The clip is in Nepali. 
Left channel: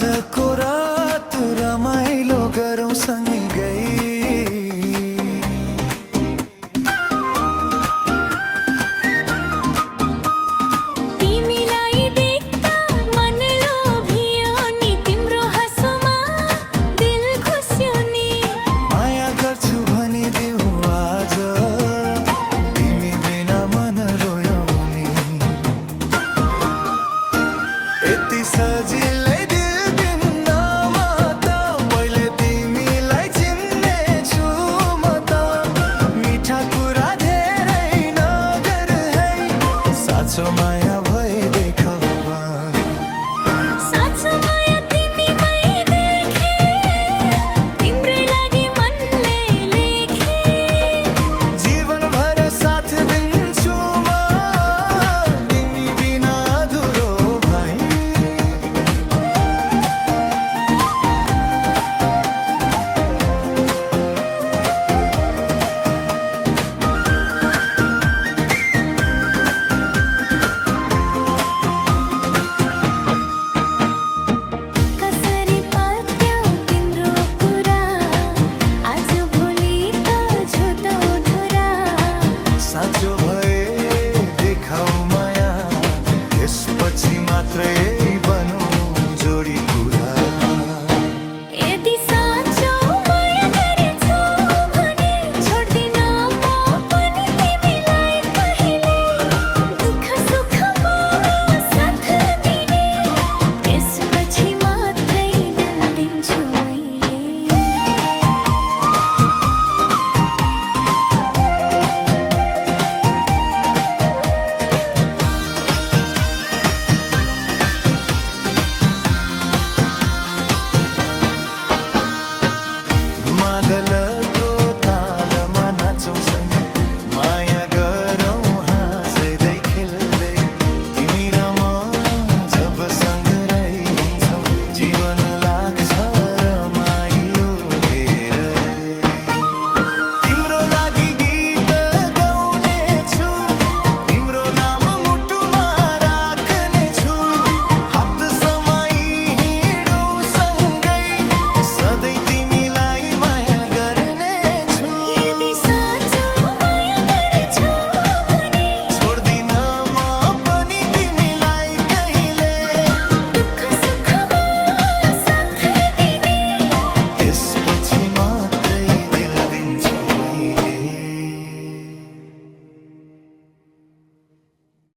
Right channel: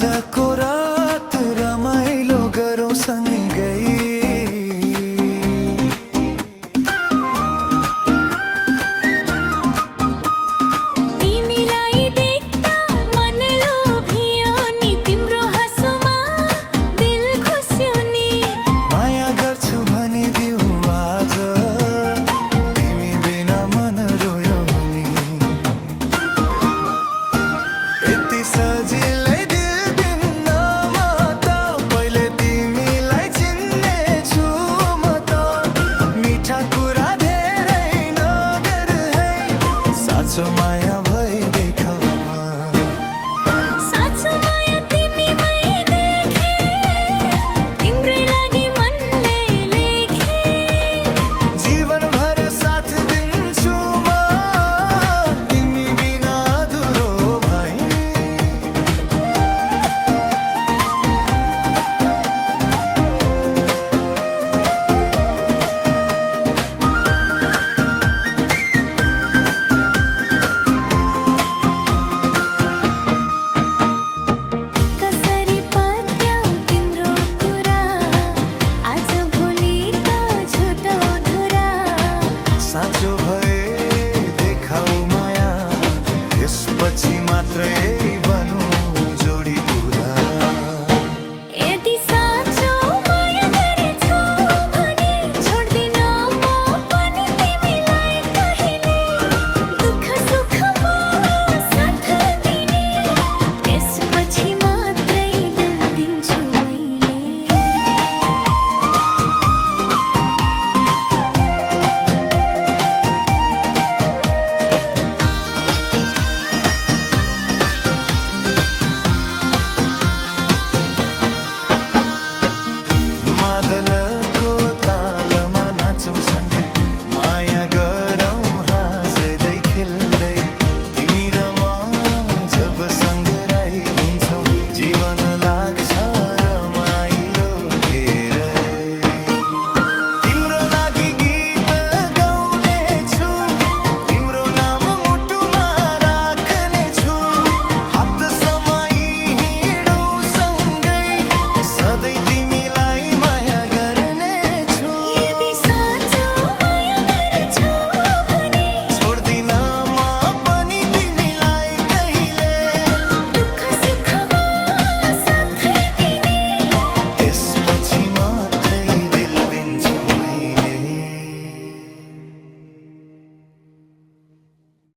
आजको रात रमाइलो गरौँ सँगै यति सजिलै दिल दिन्नमा त पहिले तिमीलाई चिन्नेछु म त मिठा कुरा धेरै नगर है साँचो माया भए देखाउमा साँचो माया तिमीमै देखे तिम्रै लागि मनले लेखे जीवनभर साथ दिन्छु म तिमी बिना अधुरो भई साँचो भए देखाऊ माया त्यसपछि मात्रै बनु जोडी पुरा यदि साँचो माया गरेछौ भने छोड्दिन म पनि तिमीलाई कहिले दुःख सुखमा साथ दिने त्यसपछि मात्रै दिल दिन्छु मैले मादलको तालमा नाचौँ सँगै माया गरौँ हाँस्दै खेल्दै तिमी र म जब सँगै हुन्छौँ जीवन लाग्छ रमाइलो धेरै तिम्रो लागि गीत गाउने छु तिम्रो नाम मुटुमा राख्ने छु हप्तासम्म हिँडौँ सँगै सधैँ तिमीलाई माया गर्ने छु यदि साँचो माया गरेछौ भने छोड्दिन म पनि तिमीलाई कहिले दुःख सुखमा साथ दिने त्यसपछि मात्रै दिल दिन्छु मैले